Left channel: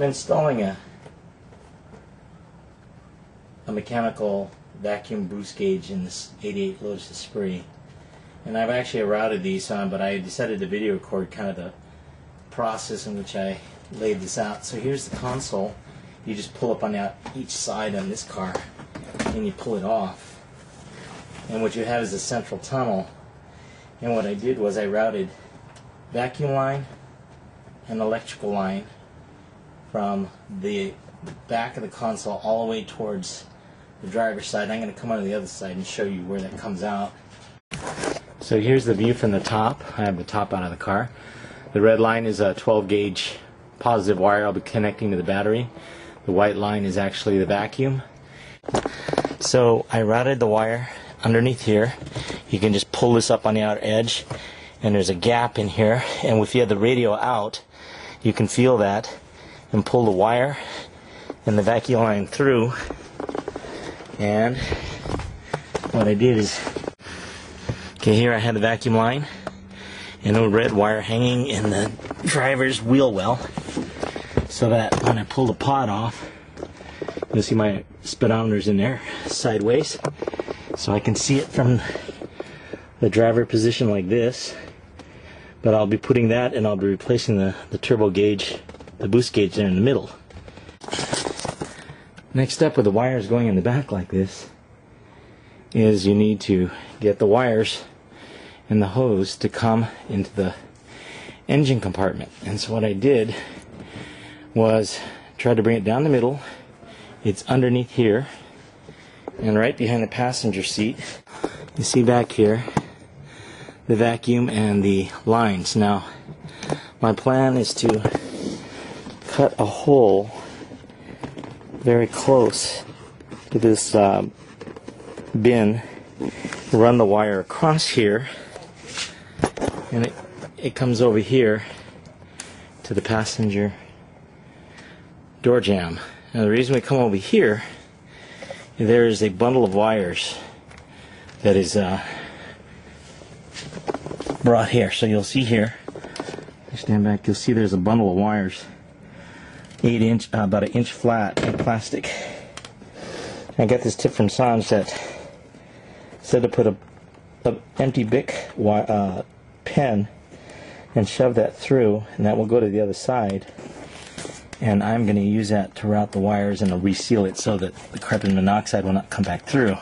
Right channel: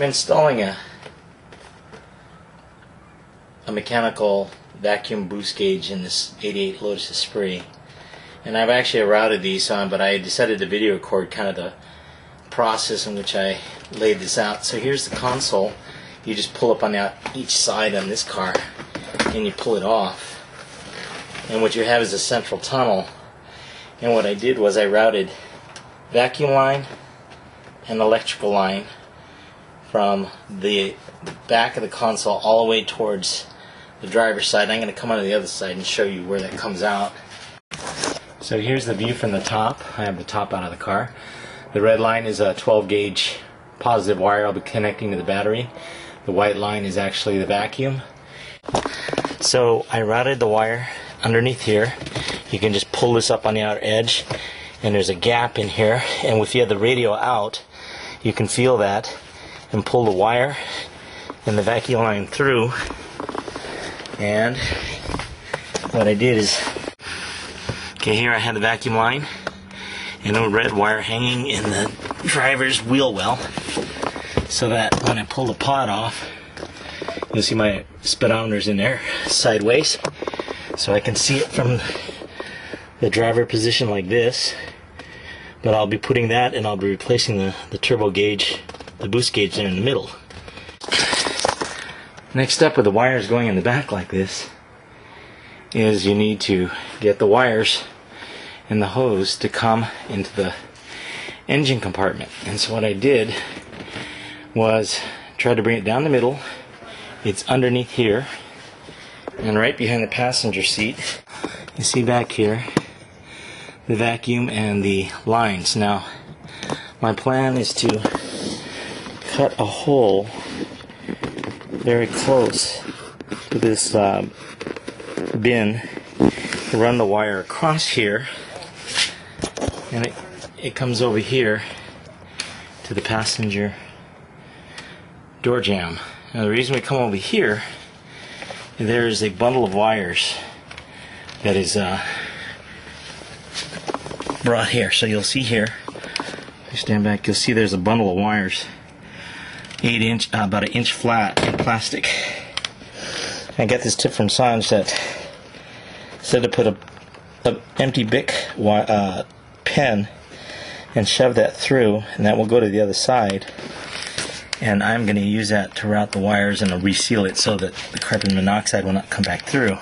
I'm installing a mechanical vacuum boost gauge in this 88 Lotus Esprit, and I've actually routed these on, but I decided to video record kind of the process in which I laid this out. So here's the console. You just pull up on each side on this car and you pull it off, and what you have is a central tunnel. And what I did was I routed vacuum line and electrical line from the back of the console all the way towards the driver's side. I'm going to come onto the other side and show you where that comes out. So here's the view from the top. I have the top out of the car. The red line is a 12 gauge positive wire I'll be connecting to the battery. The white line is actually the vacuum. So I routed the wire underneath here. You can just pull this up on the outer edge, and there's a gap in here, and if you have the radio out you can feel that and pull the wire and the vacuum line through. And what I did is, okay, here I had the vacuum line and a red wire hanging in the driver's wheel well, so that when I pull the pod off, you'll see my speedometer's in there sideways, so I can see it from the driver position like this. But I'll be putting that, and I'll be replacing the turbo gauge, the boost gauge there in the middle. Next step with the wires going in the back like this is you need to get the wires and the hose to come into the engine compartment. And so what I did was try to bring it down the middle. It's underneath here and right behind the passenger seat. You see back here the vacuum and the lines. Now my plan is to cut a hole very close to this bin, run the wire across here, and it comes over here to the passenger door jamb. And the reason we come over here, there is a bundle of wires that is brought here. So you'll see here, if I stand back, you'll see there's a bundle of wires, 8 inch, about an inch flat in plastic. I got this tip from Sanj that said to put a empty Bic pen and shove that through, and that will go to the other side. And I'm going to use that to route the wires and to reseal it so that the carbon monoxide will not come back through.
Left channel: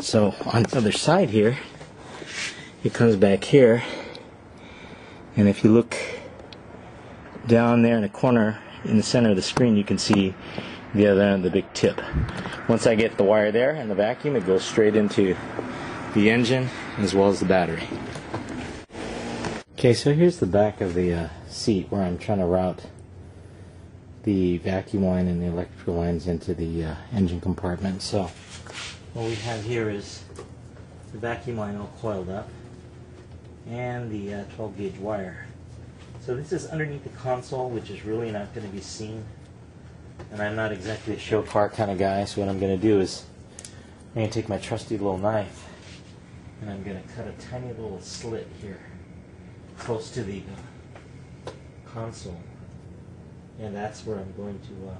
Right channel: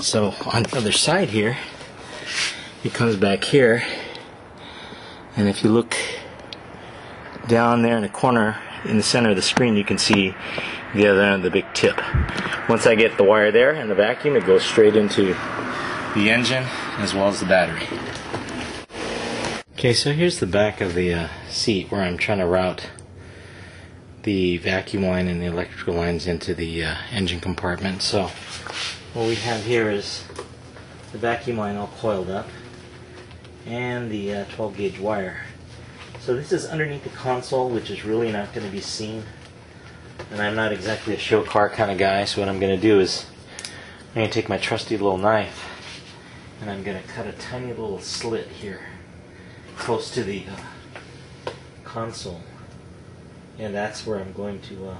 So on the other side here, it comes back here, and if you look down there in the corner in the center of the screen, you can see the other end of the big tip. Once I get the wire there and the vacuum, it goes straight into the engine as well as the battery. Okay, so here's the back of the seat where I'm trying to route the vacuum line and the electrical lines into the engine compartment. So what we have here is the vacuum line all coiled up and the 12 gauge wire. So this is underneath the console, which is really not going to be seen, and I'm not exactly a show car kind of guy, so what I'm going to do is I'm going to take my trusty little knife and I'm going to cut a tiny little slit here close to the console, and that's where I'm going to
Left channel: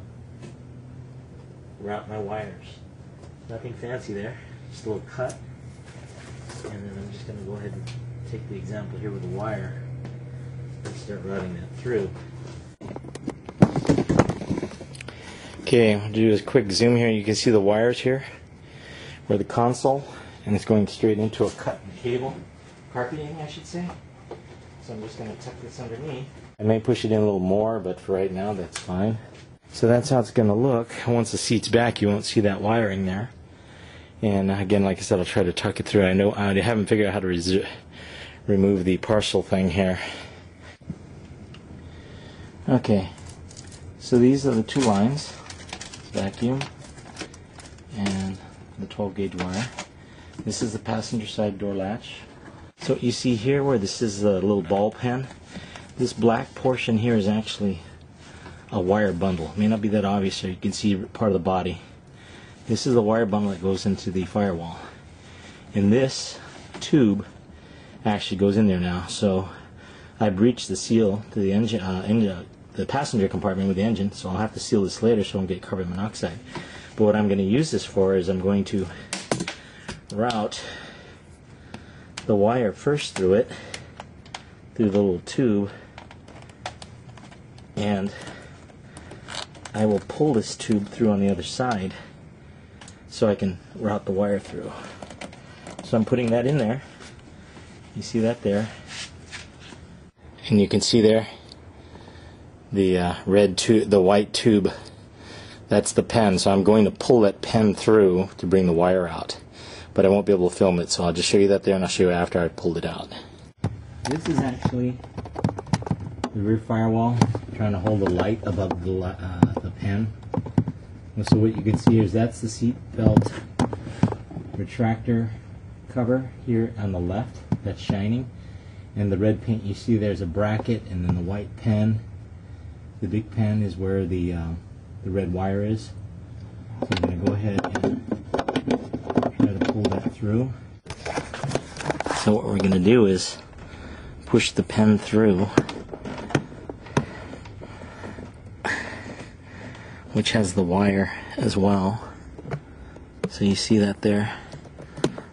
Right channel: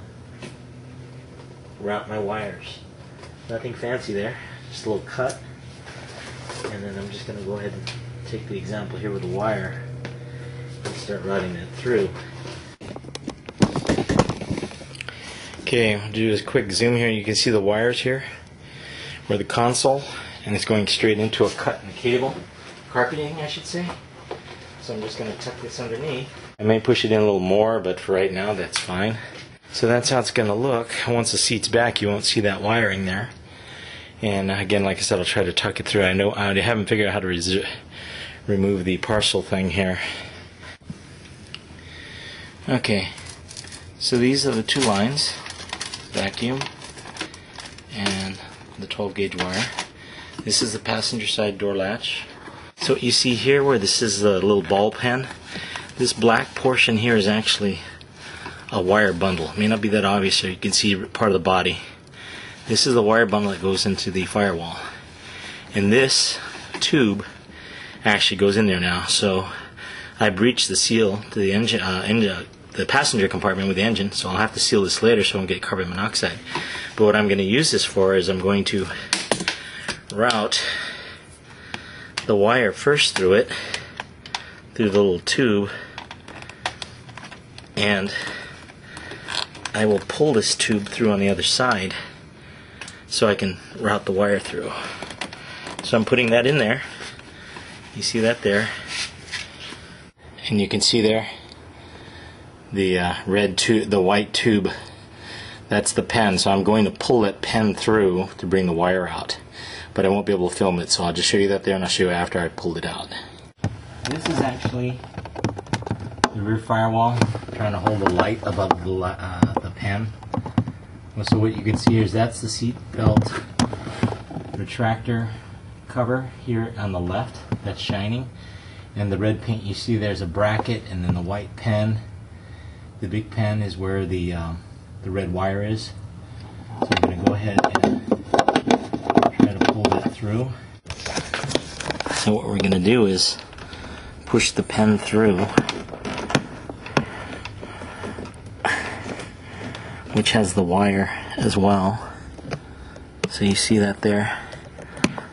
route my wires. Nothing fancy there, just a little cut, and then I'm just going to go ahead and take the example here with the wire and start routing that through. Okay, I'll do a quick zoom here. You can see the wires here, or the console, and it's going straight into a cut in the cable, carpeting I should say. So I'm just going to tuck this underneath. I may push it in a little more, but for right now that's fine. So that's how it's going to look. Once the seat's back, you won't see that wiring there. And again, like I said, I'll try to tuck it through. I know I haven't figured out how to remove the parcel thing here. Okay, so these are the two lines, vacuum and the 12 gauge wire. This is the passenger side door latch. So you see here where this is the little ball pen, this black portion here is actually a wire bundle. It may not be that obvious, so you can see part of the body. This is the wire bundle that goes into the firewall, and this tube actually goes in there now. So I breached the seal to the engine the passenger compartment with the engine, so I'll have to seal this later so I won't get carbon monoxide. But what I'm going to use this for is I'm going to route the wire first through it, through the little tube, and I will pull this tube through on the other side so I can route the wire through. So I'm putting that in there. You see that there, and you can see there the red tube, the white tube. That's the pen. So I'm going to pull that pen through to bring the wire out, but I won't be able to film it. So I'll just show you that there, and I'll show you after I pulled it out. This is actually the rear firewall, trying to hold the light above the pen. So what you can see here is that's the seat belt retractor cover here on the left that's shining, and the red paint you see there's a bracket, and then the white pen, the big pen, is where the red wire is. So I'm going to go ahead and try to pull that through. So what we're going to do is push the pen through, which has the wire as well. So you see that there.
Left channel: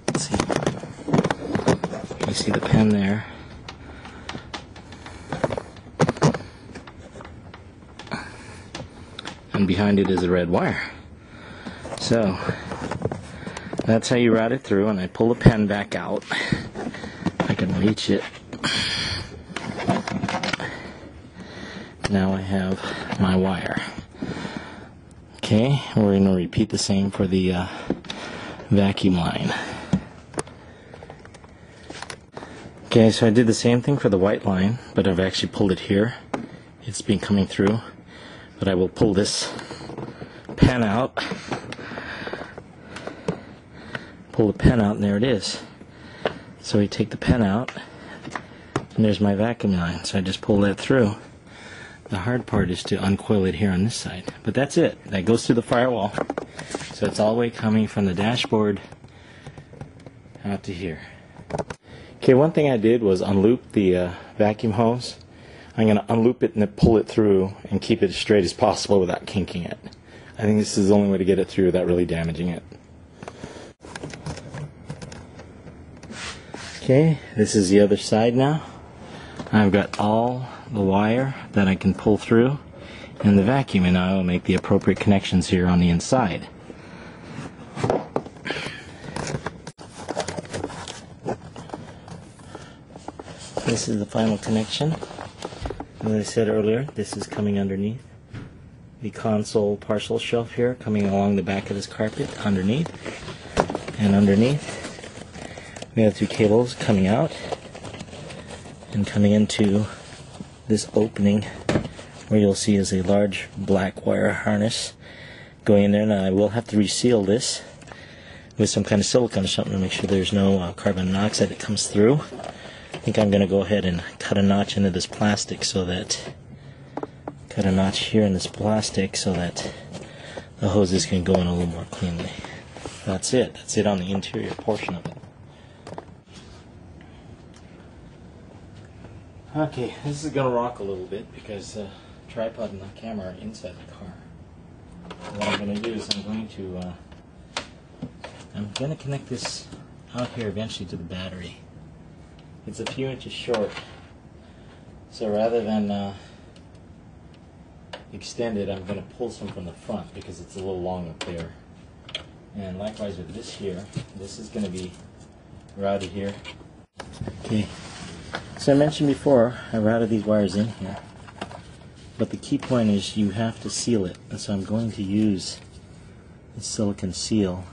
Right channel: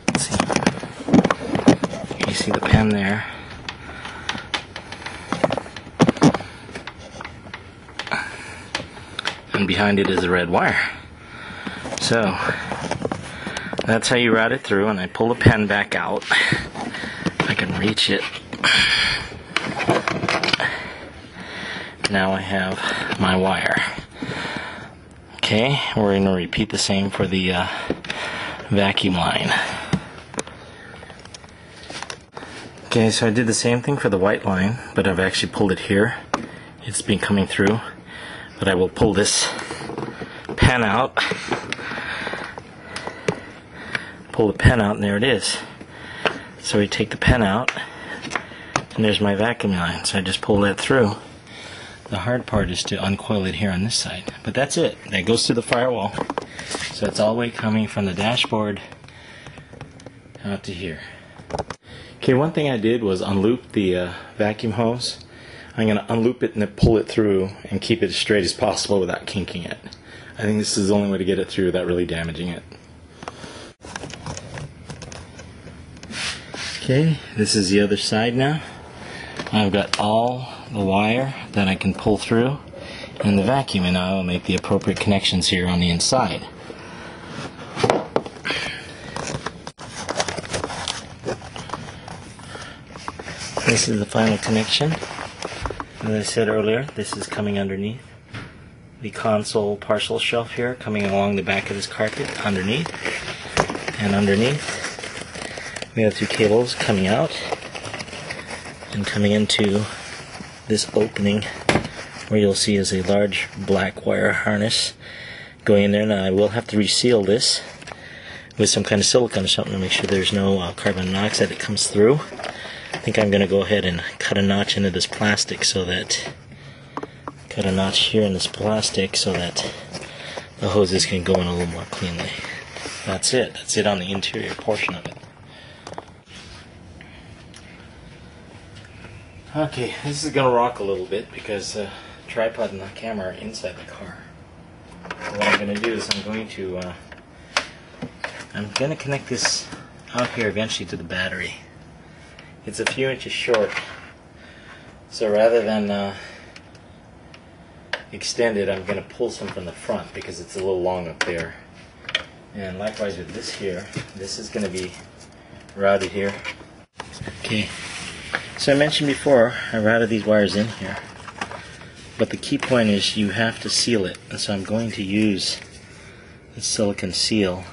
Let's see. You see the pen there. And behind it is a red wire. So that's how you route it through, and I pull the pen back out. I can reach it. Now I have my wire. Okay, we're going to repeat the same for the vacuum line. Okay, so I did the same thing for the white line, but I've actually pulled it here. It's been coming through, but I will pull this pen out. Pull the pen out, and there it is. So I take the pen out, and there's my vacuum line. So I just pull that through. The hard part is to uncoil it here on this side. But that's it. That goes through the firewall. So it's all the way coming from the dashboard out to here. Okay, one thing I did was unloop the vacuum hose. I'm going to unloop it and then pull it through and keep it as straight as possible without kinking it. I think this is the only way to get it through without really damaging it. Okay, this is the other side now. I've got all the wire that I can pull through and the vacuum, and I will make the appropriate connections here on the inside. This is the final connection. As I said earlier, this is coming underneath the console parcel shelf here, coming along the back of this carpet, underneath. And underneath, we have two cables coming out and coming into this opening where you'll see is a large black wire harness going in there. Now I will have to reseal this with some kind of silicone or something to make sure there's no carbon monoxide that comes through. I think I'm going to go ahead and cut a notch into this plastic so that, cut a notch here in this plastic so that the hoses can go in a little more cleanly. That's it. That's it on the interior portion of it. Okay, this is going to rock a little bit because the tripod and the camera are inside the car. What I'm going to do is I'm going to connect this out here eventually to the battery. It's a few inches short, so rather than extend it, I'm going to pull some from the front because it's a little long up there. And likewise with this here, this is going to be routed here. Okay. So I mentioned before, I routed these wires in here, but the key point is you have to seal it, and so I'm going to use the silicone seal.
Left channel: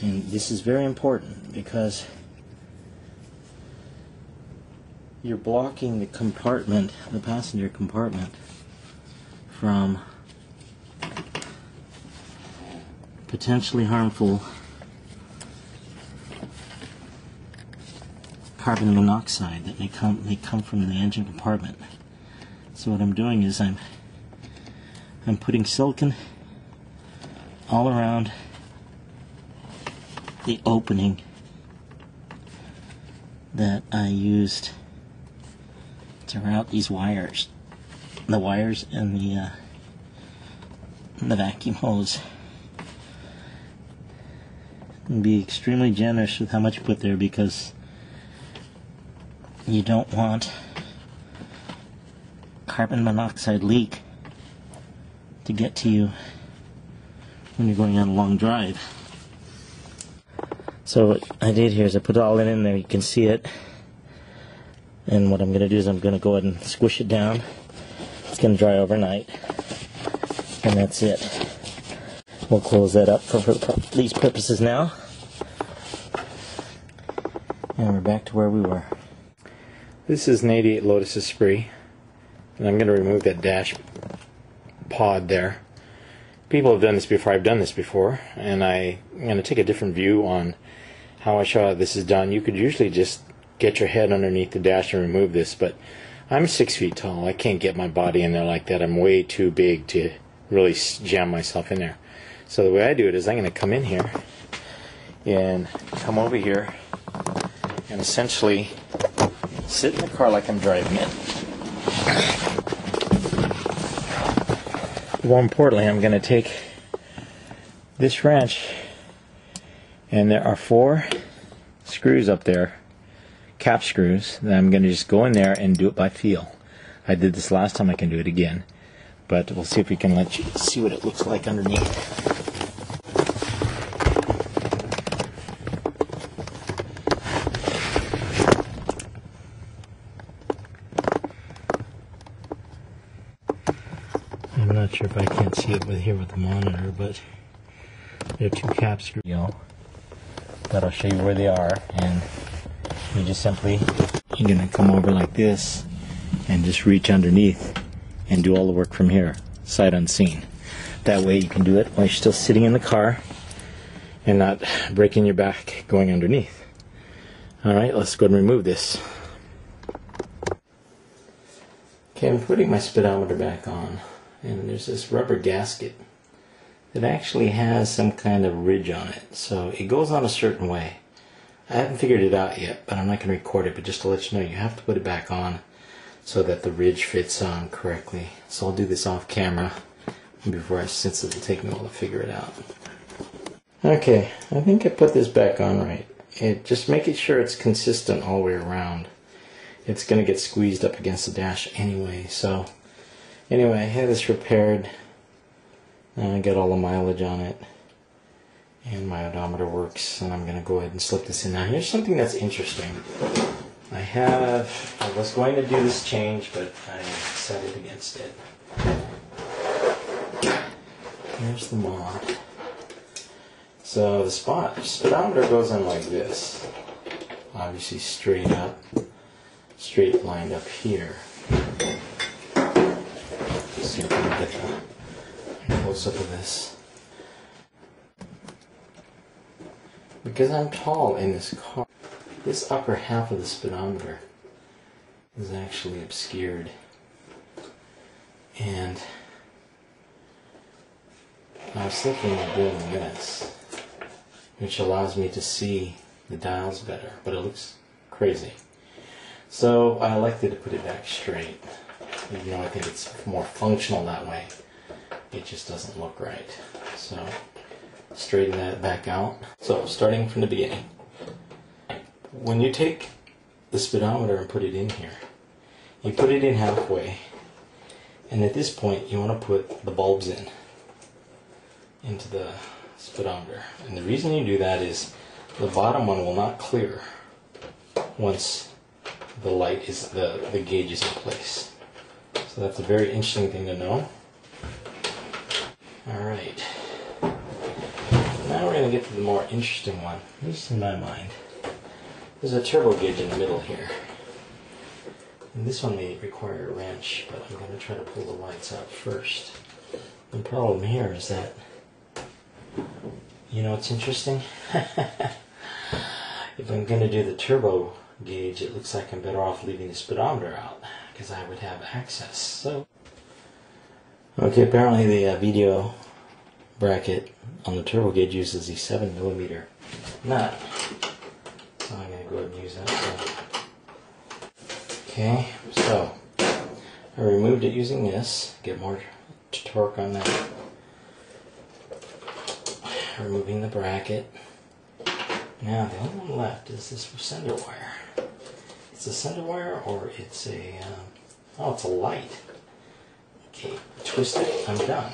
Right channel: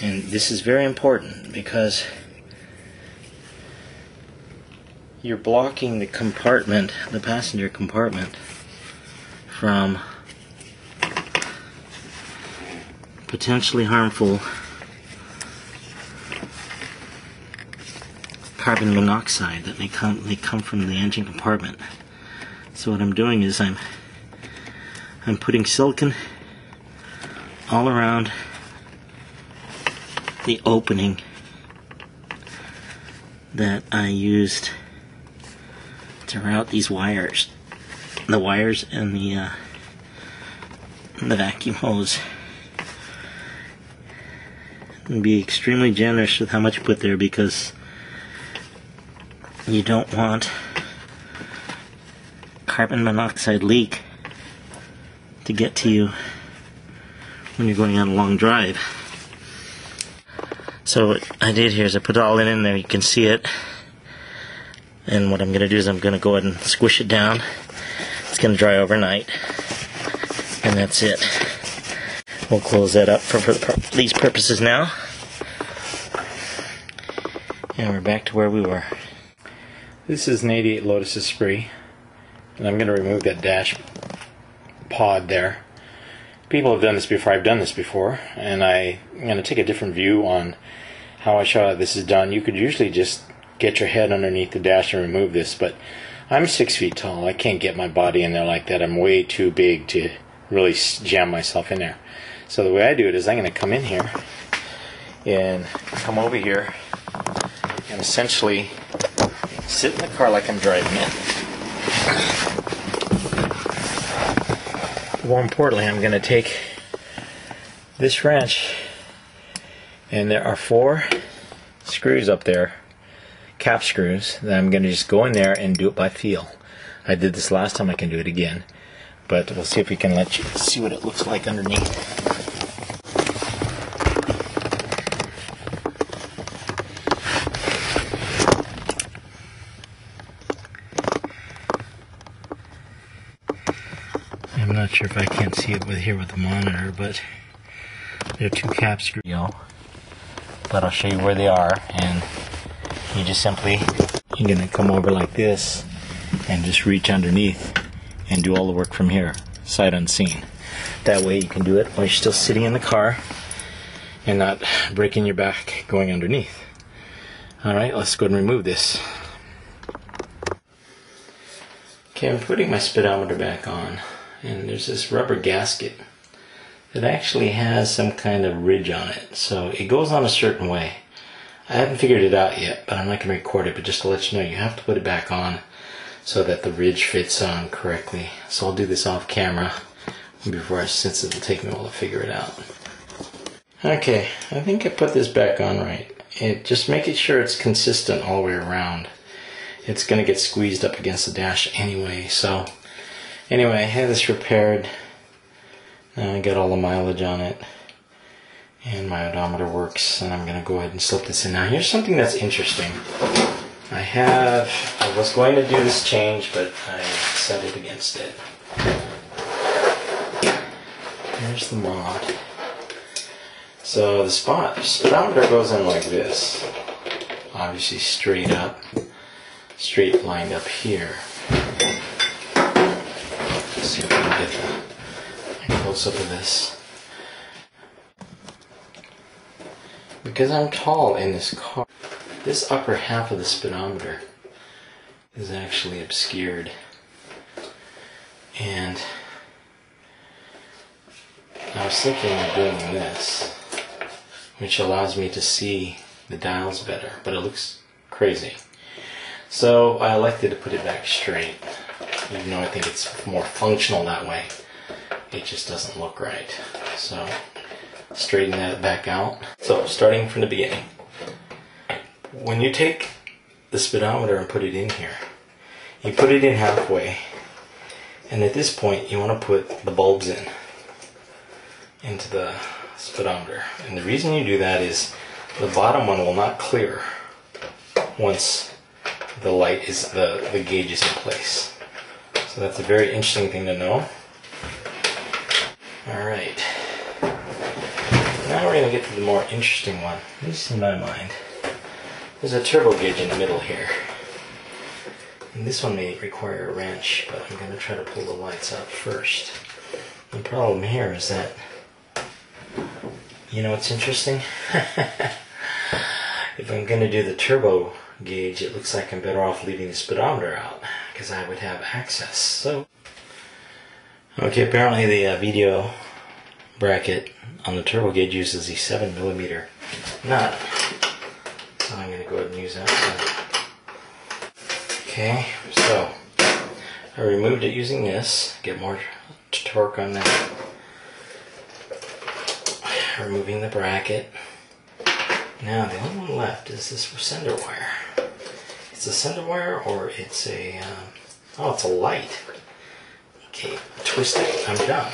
And this is very important because you're blocking the compartment, the passenger compartment, from potentially harmful carbon monoxide that may come from the engine compartment. So what I'm doing is I'm putting silicone all around the opening that I used to route these wires. the wires and the vacuum hose. And be extremely generous with how much you put there, because you don't want carbon monoxide leak to get to you when you're going on a long drive. So what I did here is I put it all in there. You can see it. And what I'm going to do is I'm going to go ahead and squish it down. It's going to dry overnight. And that's it. We'll close that up for these purposes now. And we're back to where we were. This is an 88 Lotus Esprit. And I'm going to remove that dash pod there. People have done this before. I've done this before. And I'm going to take a different view on how I show how this is done. You could usually just get your head underneath the dash and remove this, but I'm 6 feet tall. I can't get my body in there like that. I'm way too big to really jam myself in there. So the way I do it is I'm going to come in here and come over here and essentially sit in the car like I'm driving it. More importantly, I'm going to take this wrench, and there are 4 screws up there, cap screws, that I'm going to just go in there and do it by feel. I did this last time, I can do it again, but we'll see if we can let you see what it looks like underneath. I'm not sure if I can't see it here with the monitor, but there are 2 cap screws, but I'll show you where they are. And you just simply, you're going to come over like this and just reach underneath and do all the work from here, sight unseen. That way you can do it while you're still sitting in the car and not breaking your back going underneath. Alright, let's go ahead and remove this. Okay, I'm putting my speedometer back on, and there's this rubber gasket that actually has some kind of ridge on it. So it goes on a certain way. I haven't figured it out yet, but I'm not going to record it, but just to let you know, you have to put it back on so that the ridge fits on correctly. So I'll do this off camera since it'll take me a while to figure it out. Okay, I think I put this back on right. Just making sure it's consistent all the way around. It's going to get squeezed up against the dash anyway. So anyway, I had this repaired. Now I got all the mileage on it, and my odometer works, and I'm going to go ahead and slip this in. Now here's something that's interesting. I was going to do this change, but I decided against it. Here's the mod. So the speedometer goes in like this. Obviously straight up, straight lined up here. Let's see if we can get a close up of this. Because I'm tall in this car, this upper half of the speedometer is actually obscured. And I was thinking of doing this, which allows me to see the dials better, but it looks crazy. So I elected to put it back straight, even though I think it's more functional that way. It just doesn't look right. So straighten that back out. So starting from the beginning, when you take the speedometer and put it in here, you put it in halfway, and at this point you want to put the bulbs into the speedometer. And the reason you do that is the bottom one will not clear once the light is the gauge is in place. So that's a very interesting thing to know. Alright, now we're going to get to the more interesting one, at least in my mind. There's a turbo gauge in the middle here, and this one may require a wrench, but I'm going to try to pull the lights out first. The problem here is that, you know what's interesting? If I'm going to do the turbo gauge, it looks like I'm better off leaving the speedometer out, because I would have access. So, okay, apparently the VDO bracket on the turbo gauge uses the 7mm nut. So I'm going to go ahead and use that one. Okay, so I removed it using this, get more torque on that. Removing the bracket. Now the only one left is this sender wire. It's a sender wire or it's a, oh, it's a light. Okay, twist it, I'm done.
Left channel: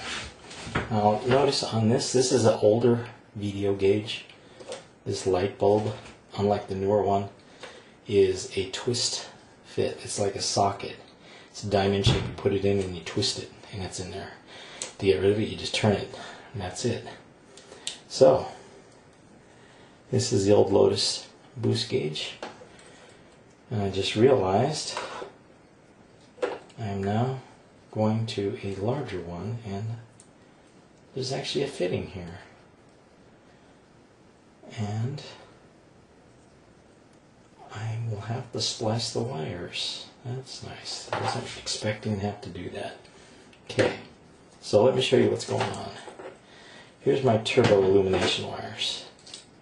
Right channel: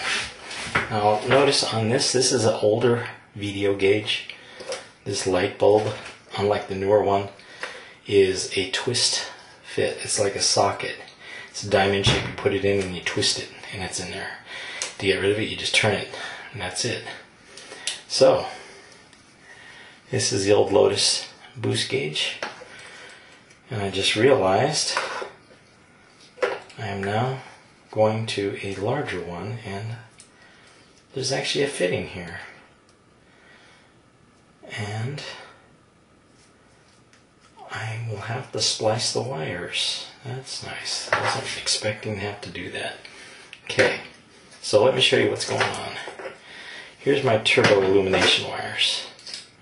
Now notice on this is an older VDO gauge. This light bulb, unlike the newer one, is a twist fit. It's like a socket. It's a diamond shape. You put it in and you twist it and it's in there. To get rid of it, you just turn it and that's it. So, this is the old Lotus boost gauge. And I just realized I am now going to a larger one, and there's actually a fitting here. And I will have to splice the wires. That's nice. I wasn't expecting to have to do that. Okay, so let me show you what's going on. Here's my turbo illumination wires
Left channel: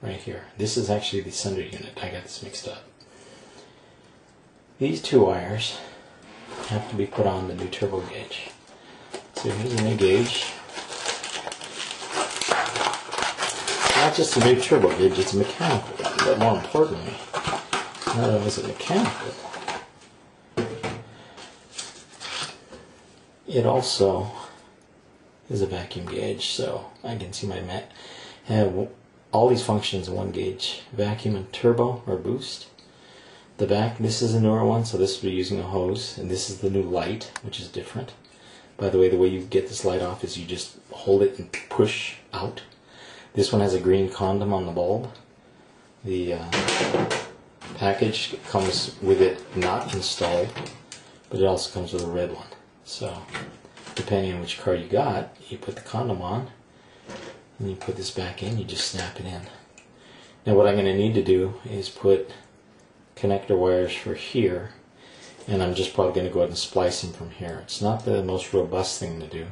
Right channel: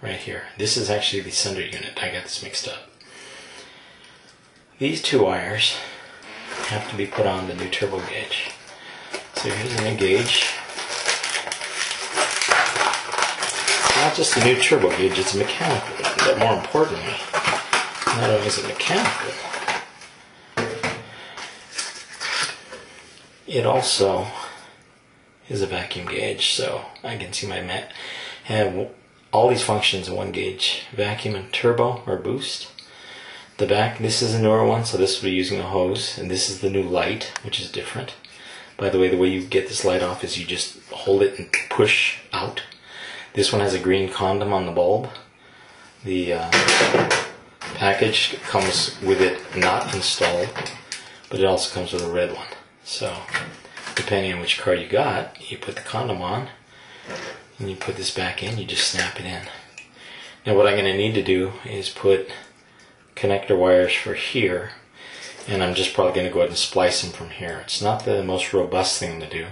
right here. This is actually the sender unit. I got this mixed up. These two wires have to be put on the new turbo gauge. So here's a new gauge. Not just a new turbo gauge, it's a mechanical one, but more importantly, not only is it mechanical, it also is a vacuum gauge. So I can see my mat have all these functions in one gauge: vacuum and turbo or boost. The back, this is a newer one, so this will be using a hose, and this is the new light, which is different. By the way you get this light off is you just hold it and push out. This one has a green condom on the bulb. The package comes with it not installed, but it also comes with a red one. So depending on which car you got, you put the condom on and you put this back in, you just snap it in. Now what I'm going to need to do is put connector wires for here, and I'm just probably going to go ahead and splice them from here. It's not the most robust thing to do,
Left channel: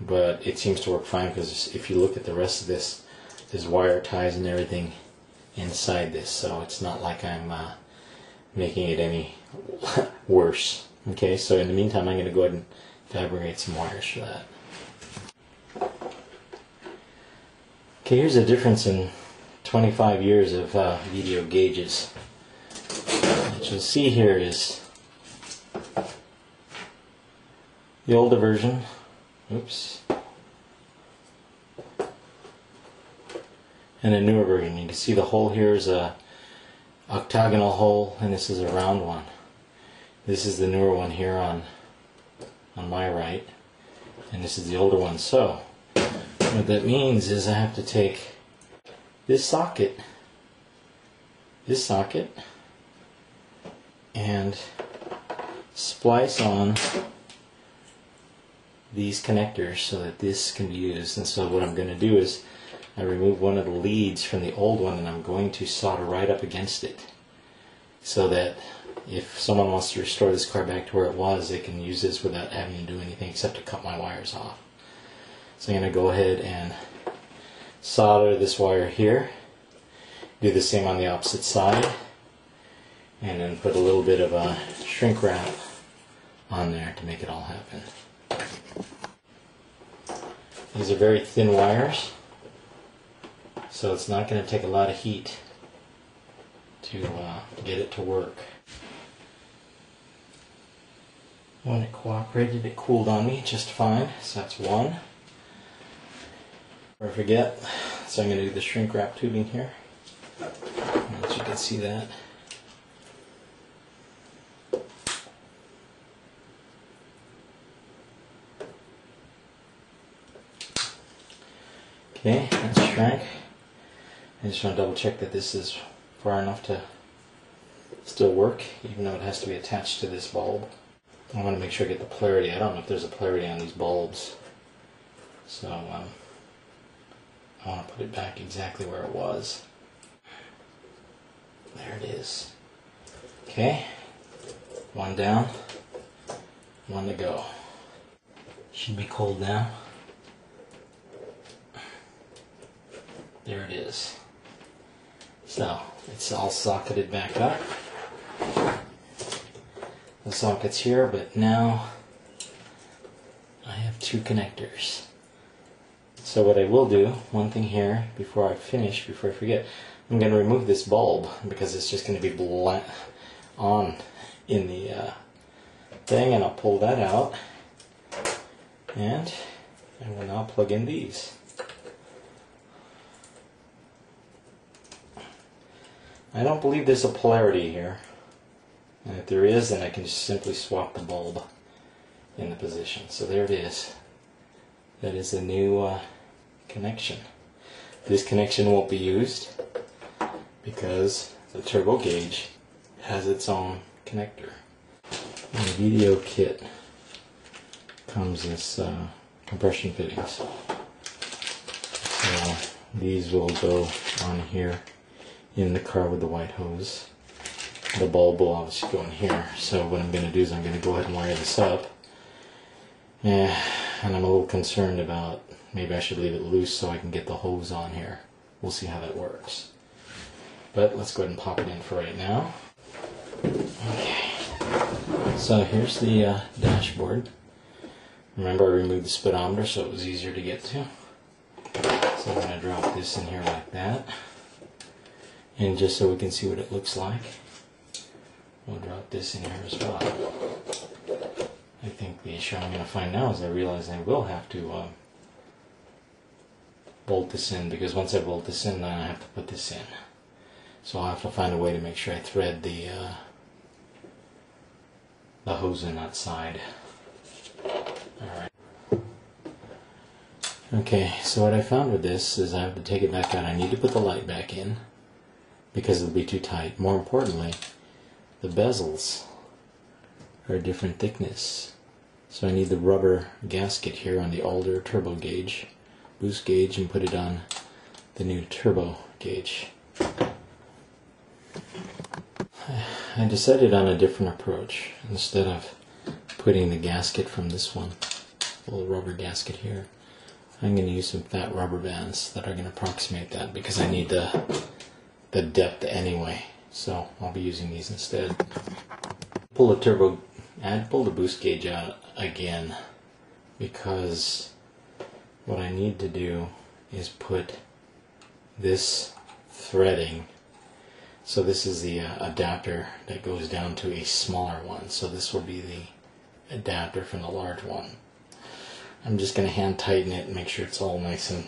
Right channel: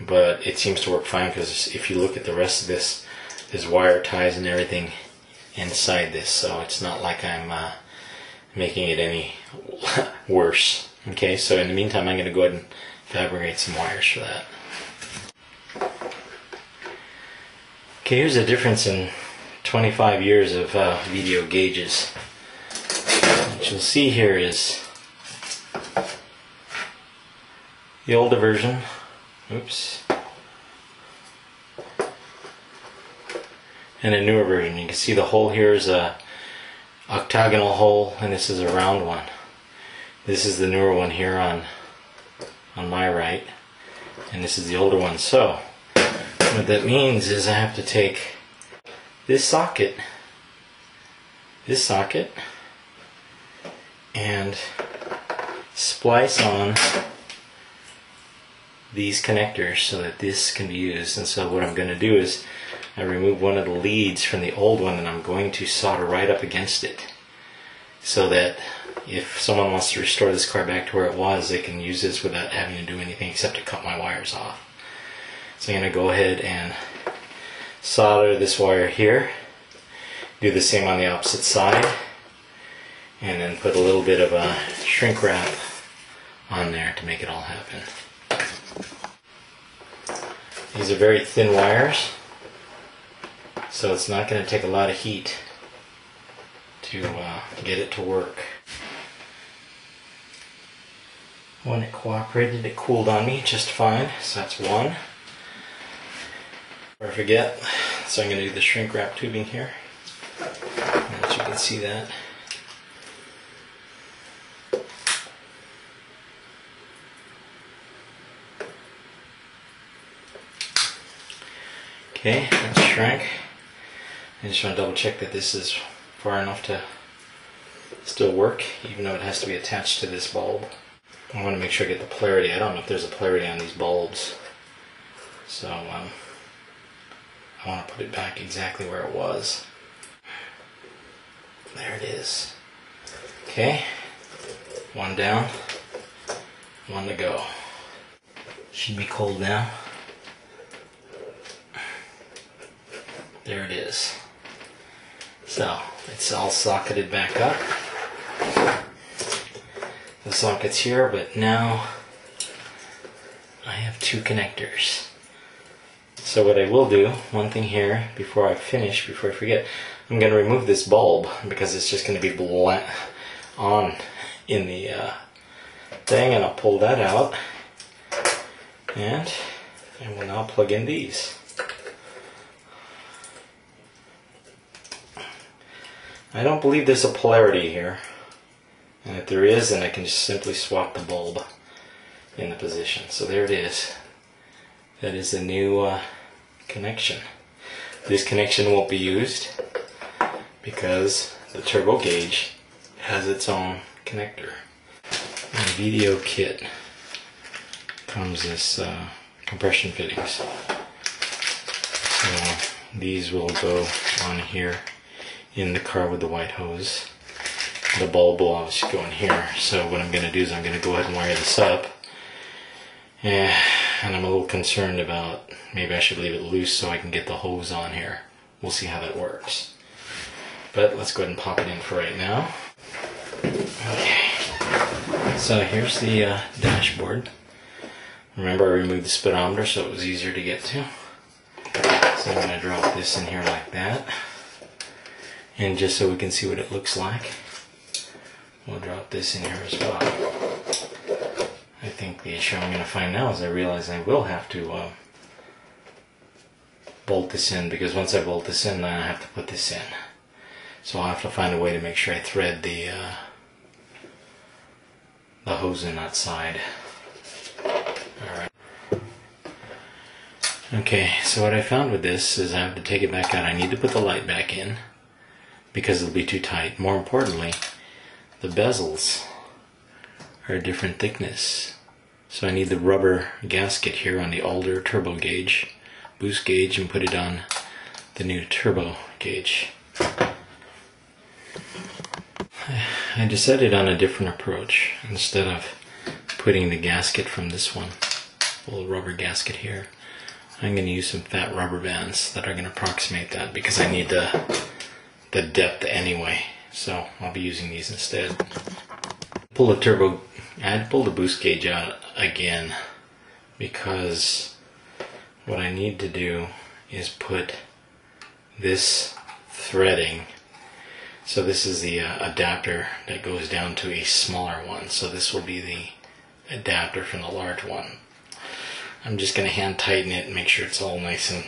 but it seems to work fine, because if you look at the rest of this, there's wire ties and everything inside this, so it's not like I'm making it any worse. Okay, so in the meantime I'm going to go ahead and fabricate some wires for that. Okay, here's the difference in 25 years of VDO gauges. What you'll see here is the older version, oops, and a newer version. You can see the hole here is a octagonal hole, and this is a round one. This is the newer one here on my right, and this is the older one. So what that means is I have to take this socket, and splice on these connectors so that this can be used. And so what I'm going to do is I remove one of the leads from the old one, and I'm going to solder right up against it, so that if someone wants to restore this car back to where it was, they can use this without having to do anything except to cut my wires off. So I'm going to go ahead and solder this wire here, do the same on the opposite side, and then put a little bit of a shrink wrap on there to make it all happen. These are very thin wires, so it's not going to take a lot of heat to get it to work. When it cooperated, it cooled on me just fine, so that's one. Or forget, so I'm going to do the shrink wrap tubing here, as you can see that. Okay, that's shrink. I just want to double check that this is far enough to still work, even though it has to be attached to this bulb. I want to make sure I get the polarity. I don't know if there's a polarity on these bulbs, so I want to put it back exactly where it was. There it is. Okay, one down, one to go. Should be cold now. There it is. So it's all socketed back up. The socket's here, but now have two connectors. So what I will do, one thing here before I finish, before I forget, I'm going to remove this bulb because it's just going to be on in the thing, and I'll pull that out, and I will now plug in these. I don't believe there's a polarity here, and if there is, then I can just simply swap the bulb in the position. So there it is. That is a new connection. This connection won't be used because the turbo gauge has its own connector. In the VDO kit comes this compression fittings. So these will go on here in the car with the white hose. The bulb will obviously go in here. So what I'm going to do is I'm going to go ahead and wire this up. And I'm a little concerned about maybe I should leave it loose so I can get the hose on here. We'll see how that works. But let's go ahead and pop it in for right now. Okay. So here's the dashboard. Remember, I removed the speedometer so it was easier to get to. So I'm going to drop this in here like that. And just so we can see what it looks like, we'll drop this in here as well. I think the issue I'm going to find now is I realize I will have to bolt this in, because once I bolt this in, then I have to put this in. So I'll have to find a way to make sure I thread the hose in that side. Alright. Okay, so what I found with this is I have to take it back out. I need to put the light back in because it'll be too tight. More importantly, the bezels are a different thickness. So I need the rubber gasket here on the older turbo gauge, boost gauge, and put it on the new turbo gauge. I decided on a different approach. Instead of putting the gasket from this one, a little rubber gasket here, I'm going to use some fat rubber bands that are going to approximate that because I need the depth anyway. So I'll be using these instead. Pull the boost gauge out again because what I need to do is put this threading. So this is the adapter that goes down to a smaller one. So this will be the adapter from the large one. I'm just going to hand tighten it and make sure it's all nice and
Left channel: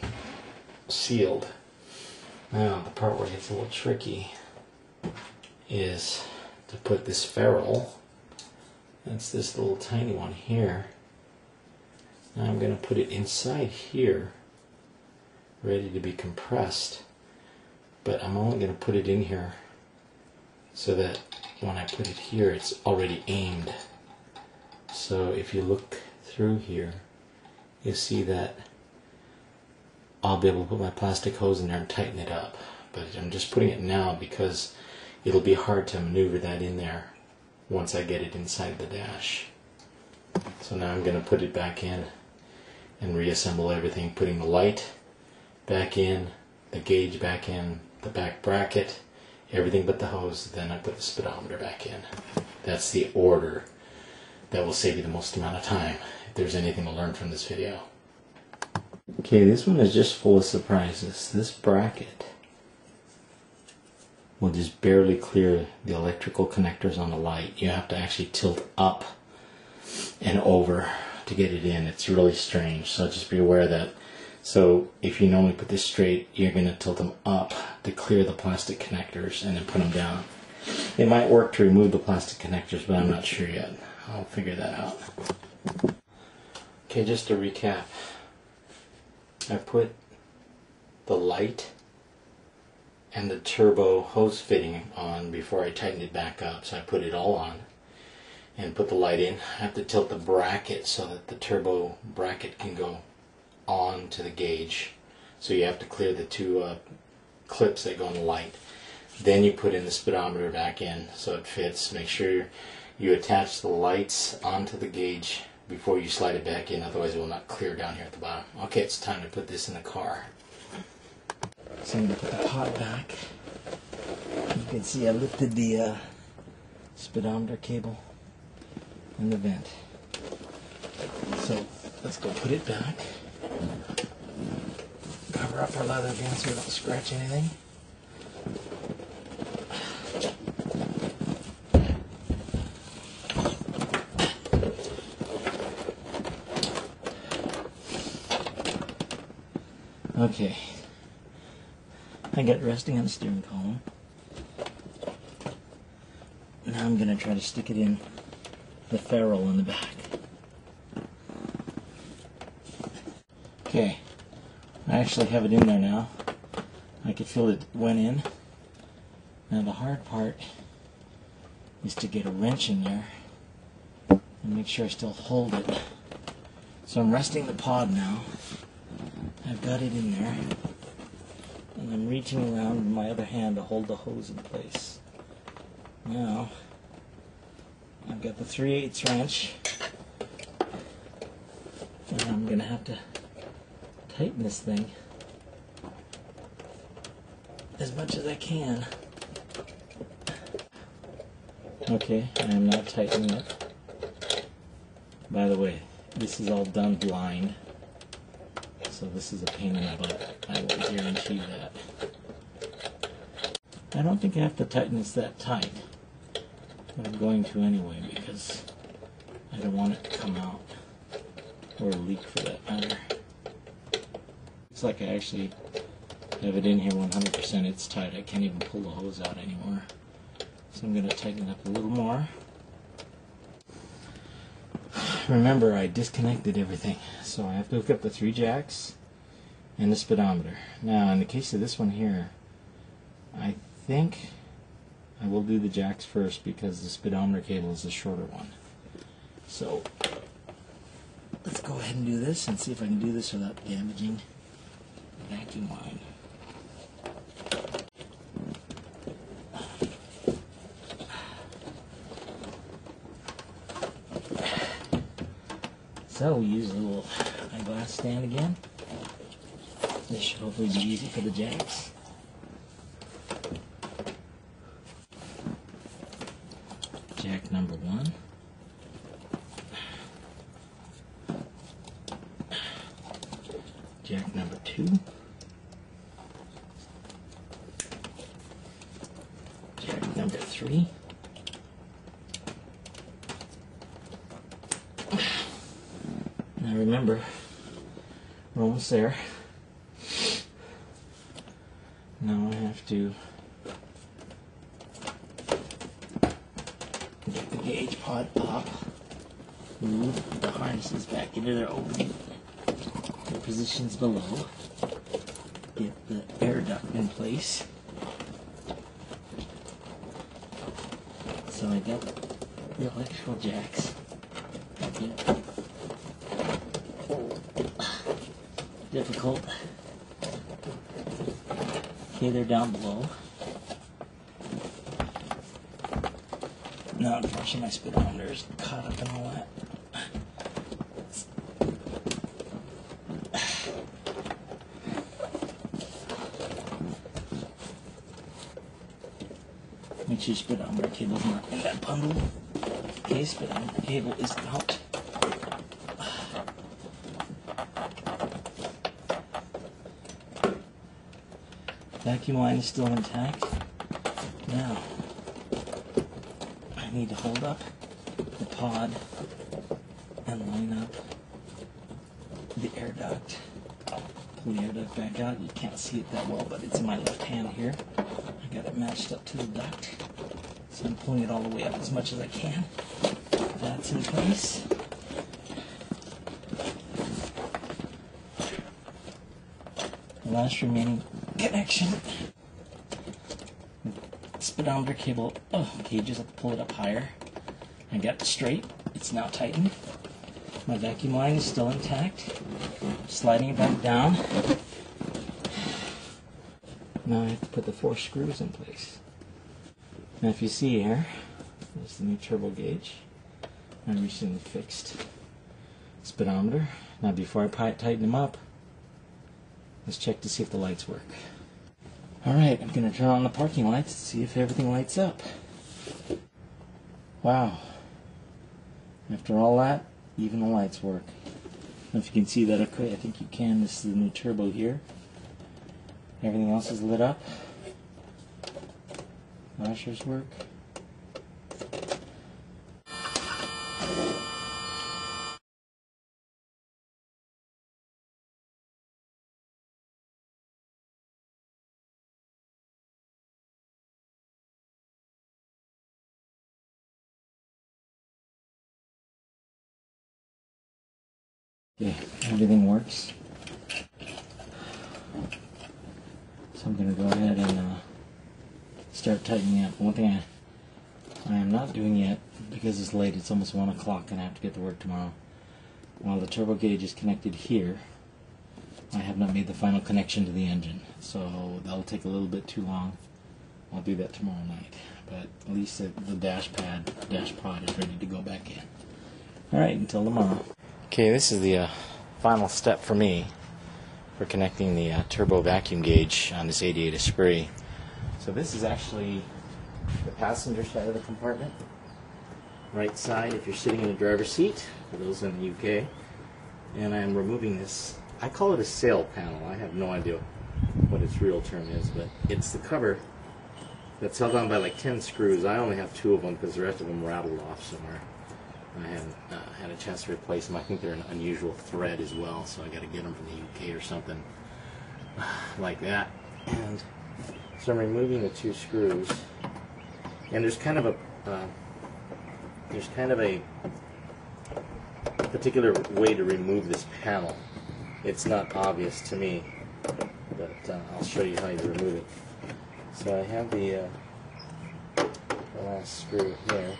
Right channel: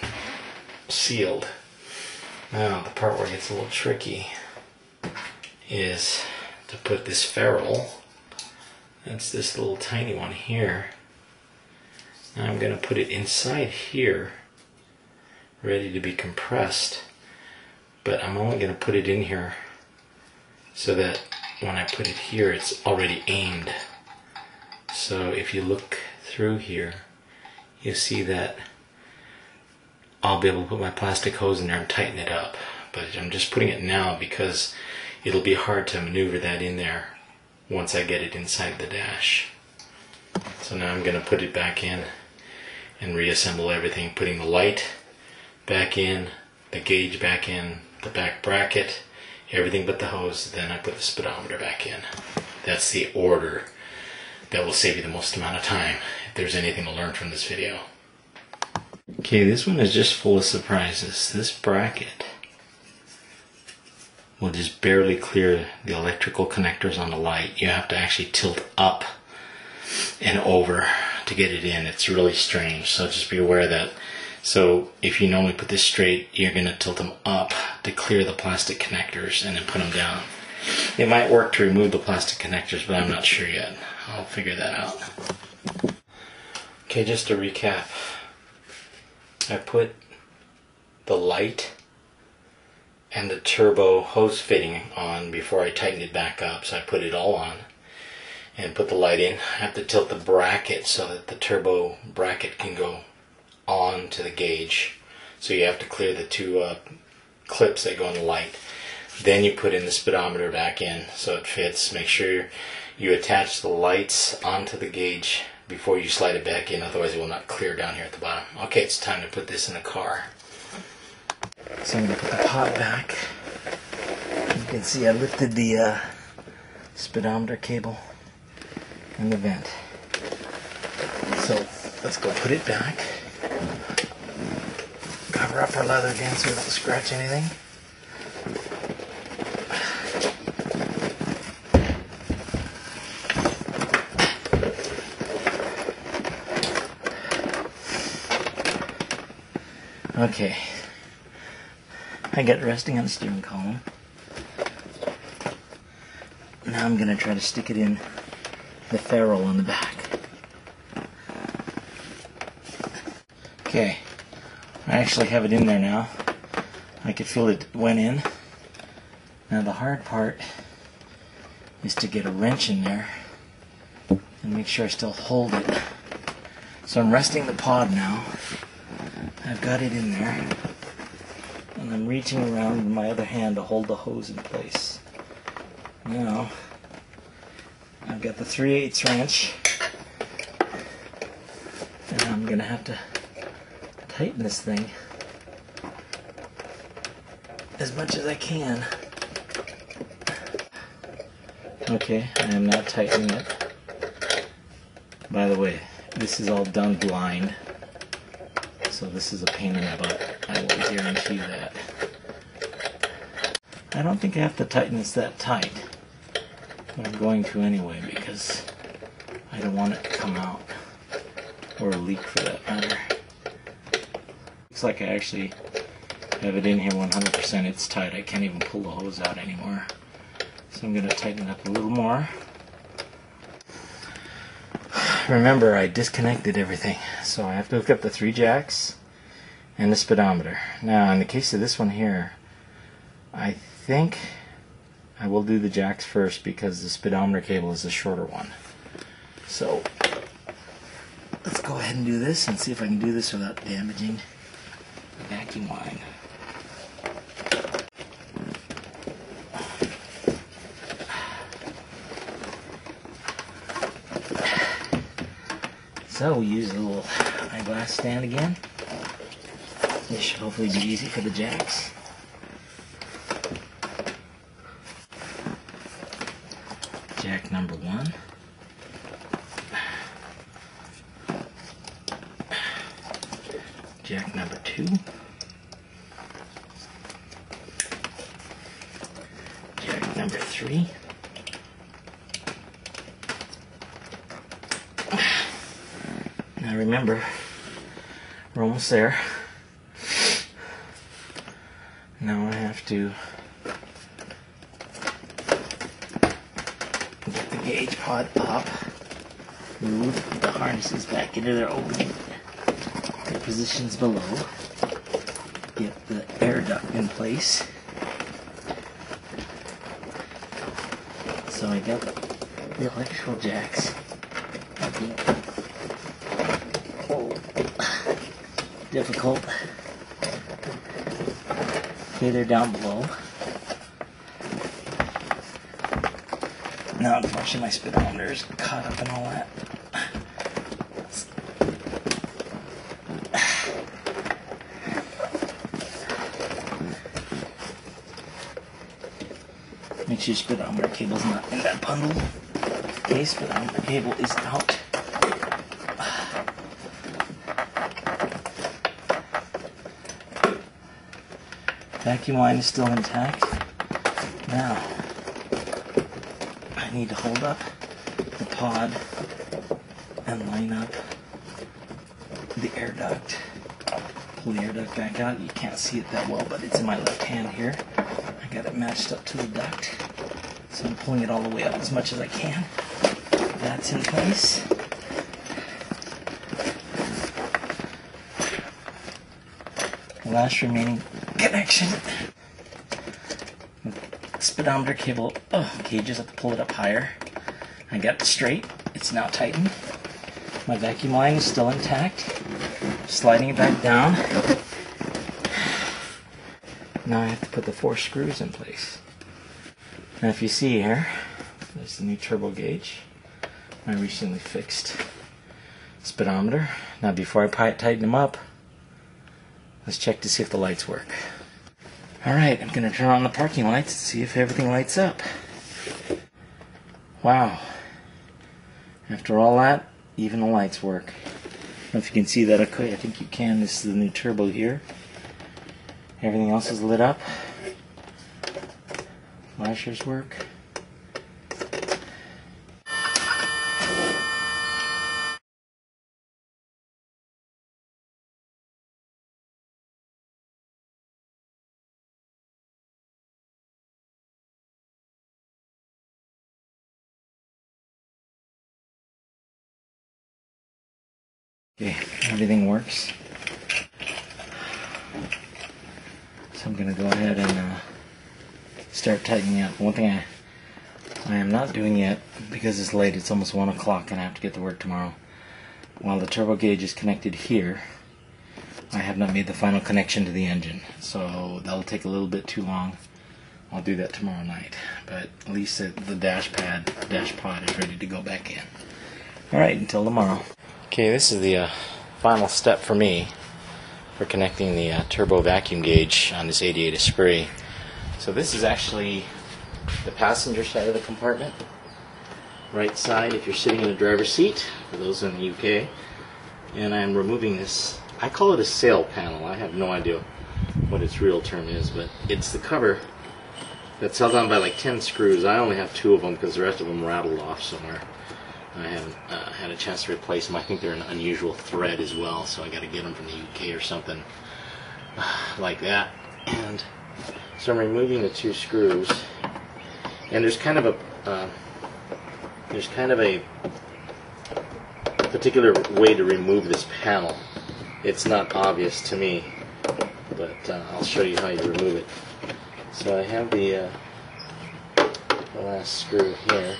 sealed. Now the part where it gets a little tricky is to put this ferrule. That's this little tiny one here. Now I'm going to put it inside here, ready to be compressed. But I'm only going to put it in here so that when I put it here, it's already aimed. So if you look through here, you see that I'll be able to put my plastic hose in there and tighten it up. But I'm just putting it now because it'll be hard to maneuver that in there once I get it inside the dash. So now I'm going to put it back in and reassemble everything, putting the light back in, the gauge back in, the back bracket, everything but the hose. Then I put the speedometer back in. That's the order that will save you the most amount of time if there's anything to learn from this video. Okay, this one is just full of surprises. This bracket will just barely clear the electrical connectors on the light. You have to actually tilt up and over to get it in. It's really strange, so just be aware of that. So if you normally put this straight, you're going to tilt them up to clear the plastic connectors and then put them down. It might work to remove the plastic connectors, but I'm not sure yet. I'll figure that out. Okay, just to recap, I put the light and the turbo hose fitting on before I tightened it back up. So I put it all on and put the light in. I have to tilt the bracket so that the turbo bracket can go on to the gauge. So you have to clear the two clips that go on the light. Then you put in the speedometer back in so it fits. Make sure you attach the lights onto the gauge before you slide it back in, otherwise it will not clear down here at the bottom. Okay, it's time to put this in the car. So I'm going to put the pot back. You can see I lifted the speedometer cable and the vent. So let's go put it back. Cover up our leather again so we don't scratch anything. Okay, I got it resting on the steering column. Now I'm going to try to stick it in the ferrule on the back. Okay, I actually have it in there now. I could feel it went in. Now the hard part is to get a wrench in there and make sure I still hold it. So I'm resting the pod now. I've got it in there, and I'm reaching around with my other hand to hold the hose in place. Now, I've got the 3/8 wrench, and I'm going to have to tighten this thing as much as I can. Okay, I am now tightening it. By the way, this is all done blind. So this is a pain in the butt. I will guarantee that. I don't think I have to tighten this that tight, but I'm going to anyway because I don't want it to come out, or leak for that matter. Looks like I actually have it in here 100%. It's tight. I can't even pull the hose out anymore. So I'm going to tighten it up a little more. Remember, I disconnected everything, so I have to hook up the 3 jacks and the speedometer. Now, in the case of this one here, I think I will do the jacks first because the speedometer cable is the shorter one. So, let's go ahead and do this and see if I can do this without damaging the vacuum line. So we use a little eyeglass stand again. This should hopefully be easy for the jacks. Jack number 1. Jack number 2. Jack number 3. Now remember, we're almost there. Now I have to get the gauge pod up, move the harnesses back into their opening, their positions below, get the air duct in place. So I got the electrical jacks. Difficult. Okay, they're down below. Now, unfortunately, my speedometer is caught up in all that. Make sure your speedometer cable's not in that bundle. Okay, speedometer cable is out. Vacuum line is still intact. Now, I need to hold up the pod and line up the air duct. Pull the air duct back out. You can't see it that well, but it's in my left hand here. I got it matched up to the duct. So I'm pulling it all the way up as much as I can. That's in place. The last remaining connection. Speedometer cable okay, just have to pull it up higher. I got it straight. It's now tightened. My vacuum line is still intact. Sliding it back down. Now I have to put the 4 screws in place. Now if you see here, there's the new turbo gauge. My recently fixed speedometer. Now before I tighten them up, let's check to see if the lights work. Alright, I'm going to turn on the parking lights to see if everything lights up. Wow. After all that, even the lights work. know if you can see that. Okay, I think you can. This is the new turbo here. Everything else is lit up. Flashers work. Okay, everything works. So I'm going to go ahead and start tightening up. One thing I am not doing yet, because it's late, it's almost 1 o'clock and I have to get to work tomorrow. While the turbo gauge is connected here, I have not made the final connection to the engine. So that'll take a little bit too long. I'll do that tomorrow night. But at least the dash pod is ready to go back in. Alright, until tomorrow. Okay, this is the final step for me for connecting the turbo vacuum gauge on this 88 Esprit. So this is actually the passenger side of the compartment. Right side if you're sitting in the driver's seat, for those in the UK. And I'm removing this, I call it a sail panel. I have no idea what its real term is, but it's the cover that's held on by like 10 screws. I only have 2 of them because the rest of them rattled off somewhere. I haven't had a chance to replace them. I think they're an unusual thread as well, so I got to get them from the UK or something like that. And so I'm removing the 2 screws, and there's kind of a particular way to remove this panel. It's not obvious to me, but I'll show you how you remove it. So I have the last screw here.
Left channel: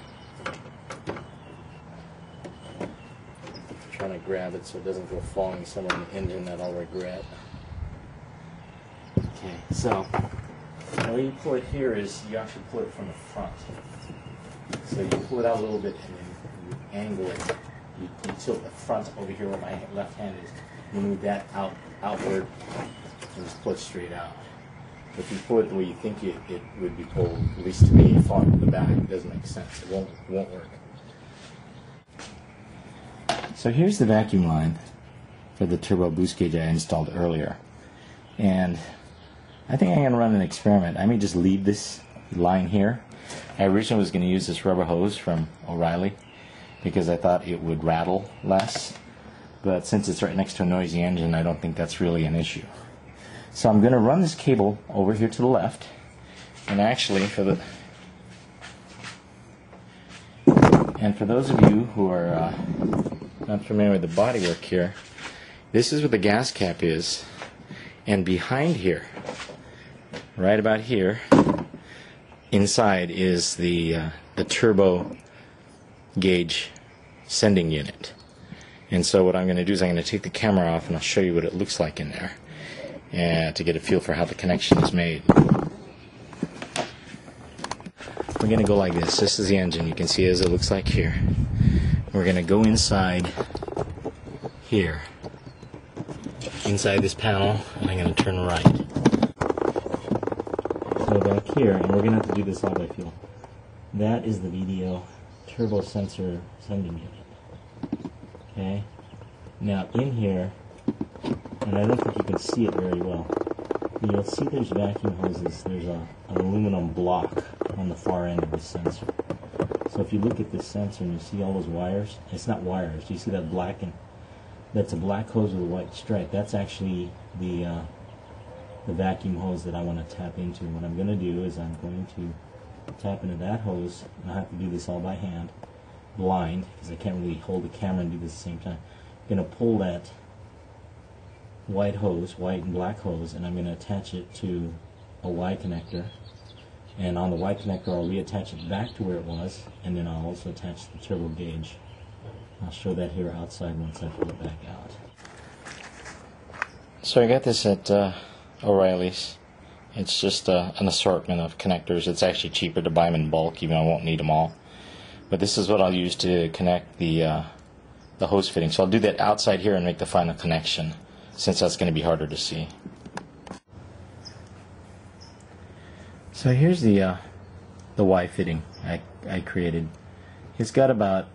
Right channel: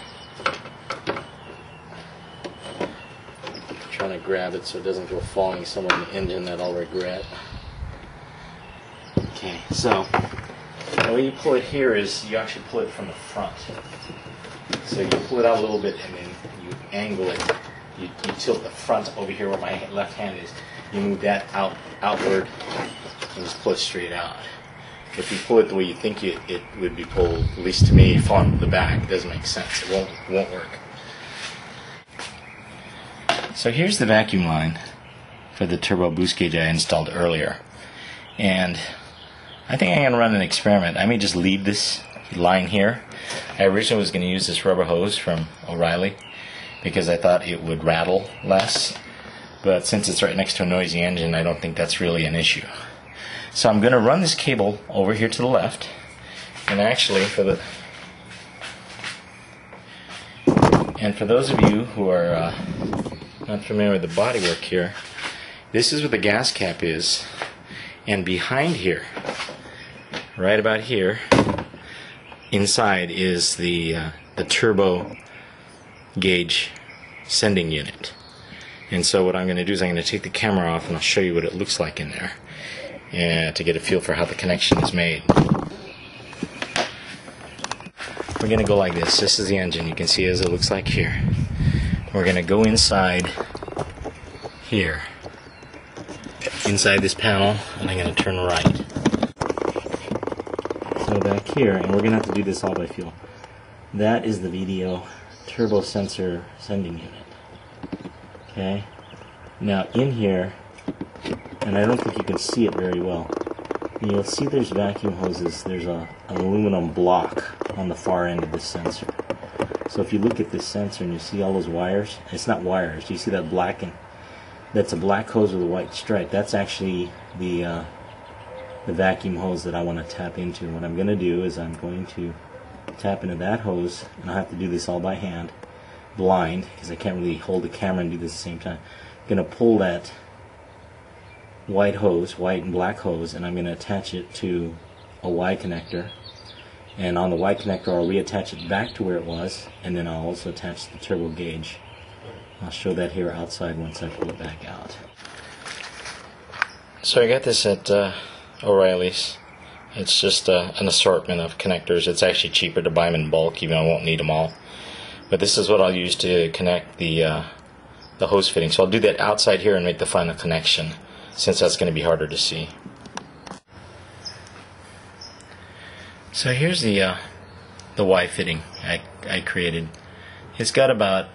Trying to grab it so it doesn't go falling somewhere in the engine that I'll regret. Okay, so the way you pull it here is you actually pull it from the front. So you pull it out a little bit and then you angle it. You tilt the front over here where my left hand is. You move that outward and just pull it straight out. If you pull it the way you think it would be pulled, at least to me, from the back, it doesn't make sense. It won't work. So here's the vacuum line for the turbo boost gauge I installed earlier. And I think I'm going to run an experiment. I may just leave this line here. I originally was going to use this rubber hose from O'Reilly because I thought it would rattle less. But since it's right next to a noisy engine, I don't think that's really an issue. So I'm going to run this cable over here to the left. And actually, for those of you who are not familiar with the bodywork here, this is where the gas cap is, and behind here, right about here, inside is the turbo gauge sending unit. And so what I'm going to do is I'm going to take the camera off and I'll show you what it looks like in there, and to get a feel for how the connection is made. We're going to go like this. This is the engine. You can see as it looks like here. We're going to go inside here, inside this panel, and I'm going to turn right. So back here, and we're going to have to do this all by feel. That is the VDO turbo sensor sending unit. Okay. Now in here, and I don't think you can see it very well, you'll see there's vacuum hoses. There's an aluminum block on the far end of this sensor. So if you look at this sensor and you see all those wires, it's not wires. You see that black, and that's a black hose with a white stripe. That's actually the vacuum hose that I want to tap into. What I'm going to do is I'm going to tap into that hose, and I'll have to do this all by hand, blind, because I can't really hold the camera and do this at the same time. I'm going to pull that white hose, white and black hose, and I'm going to attach it to a Y connector. And on the Y connector, I'll reattach it back to where it was, and then I'll also attach the turbo gauge. I'll show that here outside once I pull it back out. So I got this at O'Reilly's. It's just an assortment of connectors. It's actually cheaper to buy them in bulk, even though I won't need them all. But this is what I'll use to connect the hose fitting. So I'll do that outside here and make the final connection, since that's going to be harder to see. So here's the Y fitting I created. It's got about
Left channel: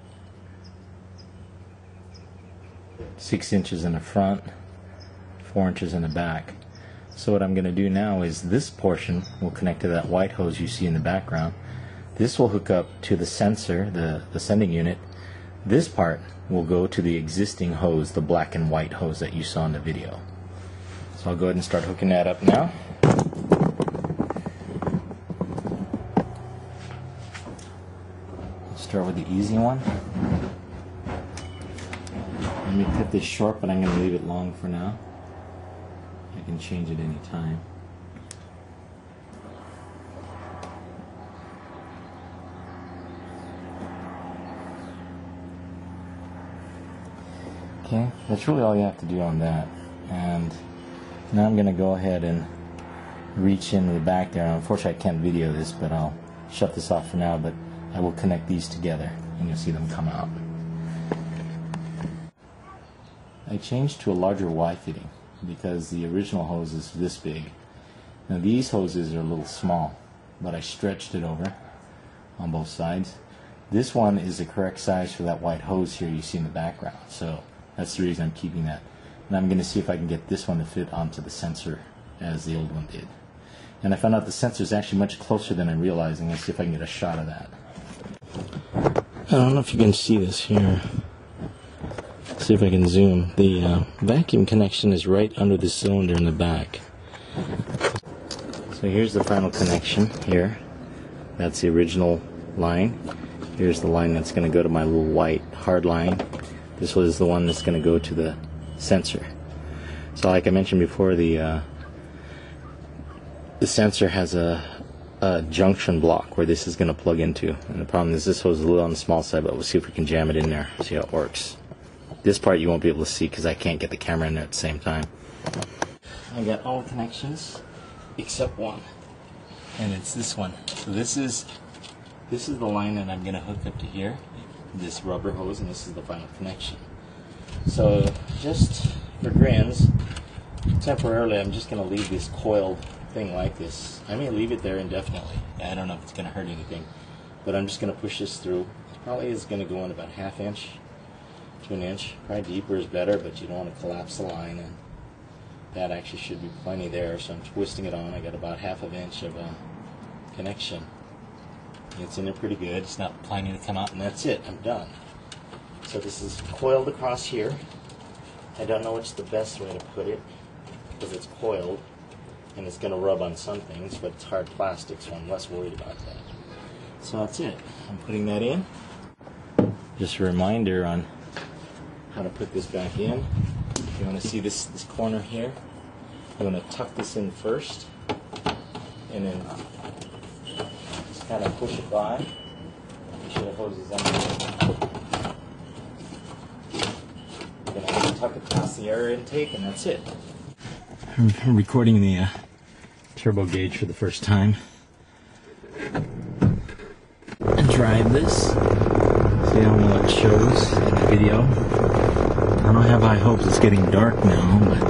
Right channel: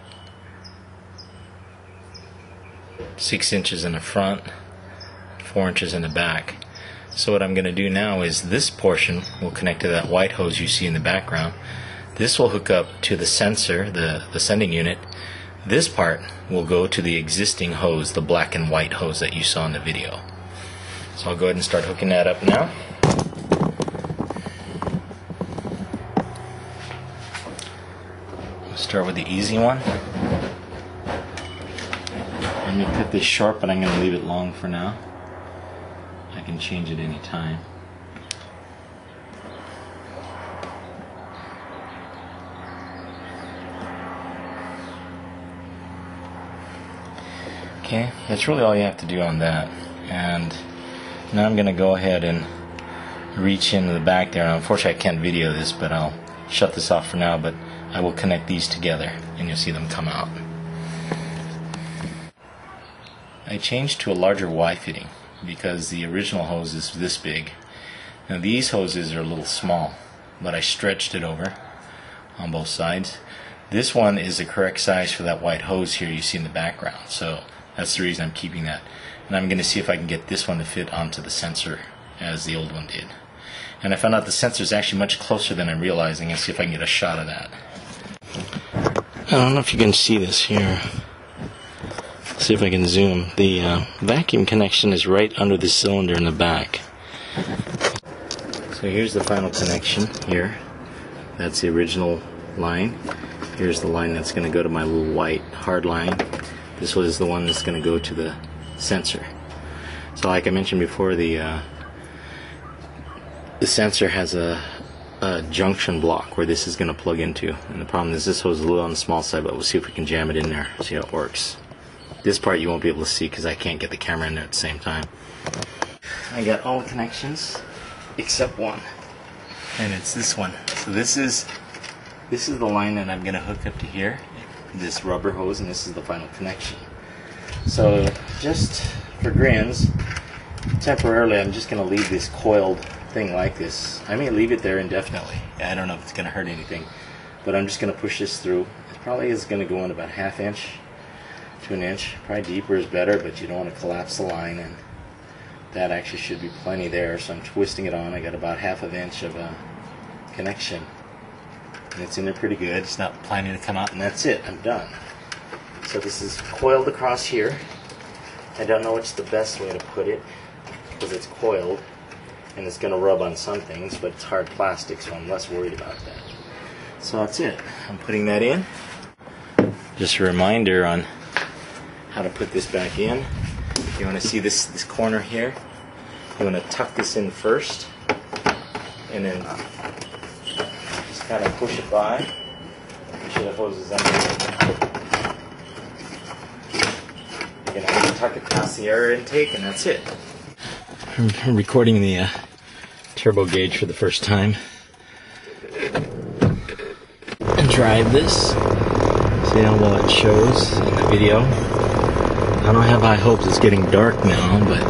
6 inches in the front, 4 inches in the back. So what I'm going to do now is this portion will connect to that white hose you see in the background. This will hook up to the sensor, the sending unit. This part will go to the existing hose, the black and white hose that you saw in the video. So I'll go ahead and start hooking that up now. I'll start with the easy one. I'm going to cut this short, but I'm going to leave it long for now. I can change it any time. Okay, that's really all you have to do on that. And now I'm going to go ahead and reach into the back there. Unfortunately I can't video this, but I'll shut this off for now, but I will connect these together and you'll see them come out. I changed to a larger Y fitting because the original hose is this big. Now these hoses are a little small, but I stretched it over on both sides. This one is the correct size for that white hose here you see in the background, so that's the reason I'm keeping that. And I'm going to see if I can get this one to fit onto the sensor as the old one did. And I found out the sensor is actually much closer than I'm realizing. I'll see if I can get a shot of that. I don't know if you can see this here. See if I can zoom. The vacuum connection is right under the cylinder in the back. So here's the final connection here. That's the original line. Here's the line that's going to go to my little white hard line. This was the one that's going to go to the sensor. So like I mentioned before, the sensor has a junction block where this is going to plug into. And the problem is this hose is a little on the small side, but we'll see if we can jam it in there, see how it works. This part you won't be able to see because I can't get the camera in there at the same time. I got all the connections except one, and it's this one. So this is the line that I'm going to hook up to here, this rubber hose, and this is the final connection. So just for grins, temporarily I'm just going to leave this coiled thing like this. I may leave it there indefinitely. I don't know if it's going to hurt anything, but I'm just going to push this through. It probably is going to go in about 1/2 inch to 1 inch. Probably deeper is better, but you don't want to collapse the line, and that actually should be plenty there. So I'm twisting it on. I got about 1/2 inch of a connection, and it's in there pretty good. It's not planning to come out, and that's it. I'm done. So this is coiled across here. I don't know what's the best way to put it because it's coiled and it's going to rub on some things, but it's hard plastic, so I'm less worried about that. So that's it. I'm putting that in. Just a reminder on how to put this back in. You want to see this corner here. You want to tuck this in first, and then just kind of push it by. Make sure the hose is under. You're going to tuck it past the air intake, and that's it. I'm recording the turbo gauge for the first time. And drive this. See how well it shows in the video. I don't have high hopes. It's getting dark now, but